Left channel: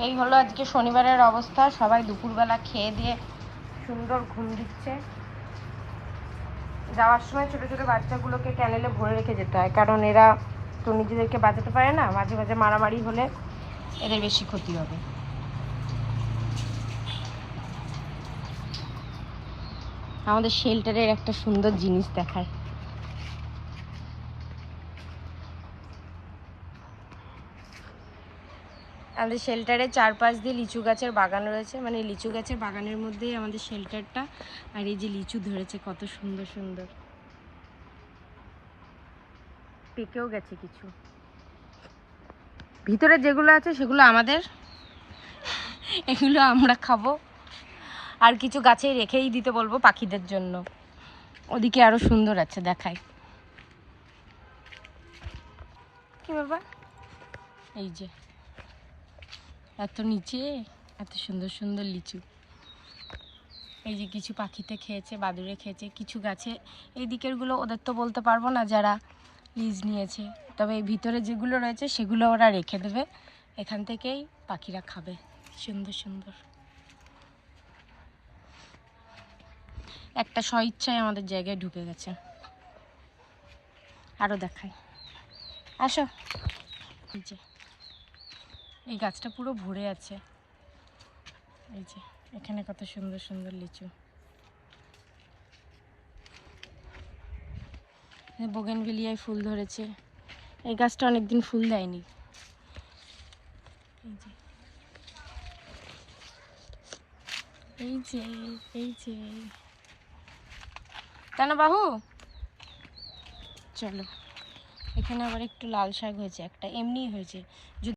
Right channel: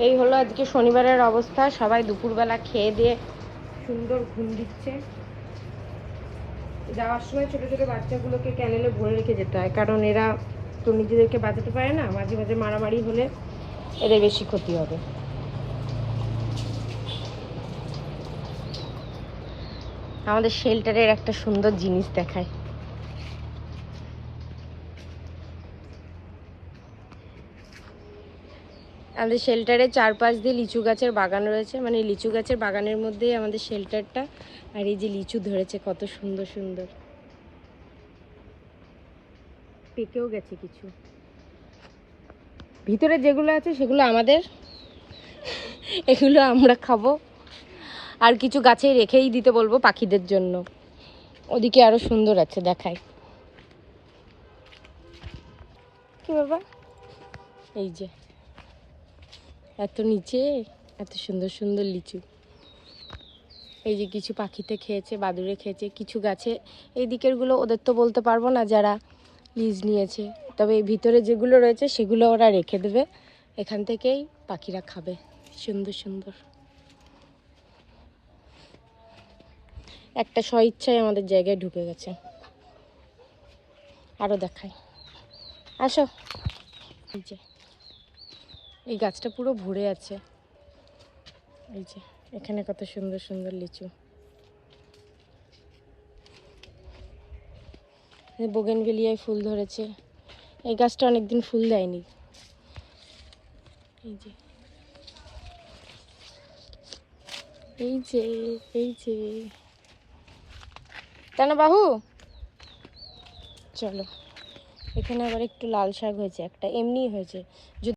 এই হলো আজকে শনিবারের অবস্থা। সবাই দুপুরবেলা খেয়ে দিয়ে সুন্দর ঘুম দিচ্ছে। যাওয়ার সময় ছোটো ছোটো বাচ্চাগুলোকে ক্যানেলে ভরে রেখে যেতে হয়, কারণ এরা তো নিজেদেরকে বাঁচাতে পারে না। মাঝে মাঝে মারামারি হলে এদের বেশি ক্ষতি হবে। আমাদের শেল্টারের একটা সুন্দর জিনিস দেখায়। আমাদের শেল্টারে চারপাশ দিয়ে লিচু গাছের বাগান রয়েছে, মানে লিচু গাছের বাগানের মধ্যেই আমাদের শেল্টারটা। আর এই যে লিচু ধরেছে কত সুন্দর সুন্দর, পেকেও গেছে কিছু। ভিতরে যেগুলো আছে সেগুলো আমাদের, এগুলো আমরা খাবো। আর কিছু গাছে রেখেই দিতে বলবো পাখিদের জন্য। ওদিকে আরো সুন্দর আছে, দেখাই। কি বাবা, এই যে এত নিচে এত সুন্দর সুন্দর লিচু। এই যে কিছু পাখিতে খেয়েছে, বাদুড়ে খেয়েছে, কিছু গাছে। এই দিকের গুলো ওদের তো বলতে পারবো না যারা লিজ নিয়েছে, তবে এই ভিতরে যেগুলো রয়েছে সেগুলো ওরা রেখে দেবে। এখান থেকেই পাখিরা খাবে। সুন্দর সুন্দর একটা স্বইচ্ছায় আমাদের জায়গায় ঢুকে গেছে। আরো দেখাই, আসো। এই যে এই গাছটা পুরো ভরে আছে। এই যে এখানে কত সুন্দর সুন্দর লিচু। বোগেনভেলিয়ায় ফুল ধরেছে। এই গাছটা অনেকদিন ফুল দেয়নি। এই যে এই যে এই যে টানা বাহু, চলো। এখানে আবার একটু লাল শাক হয়েছে, একটা এমনি হয়েছে।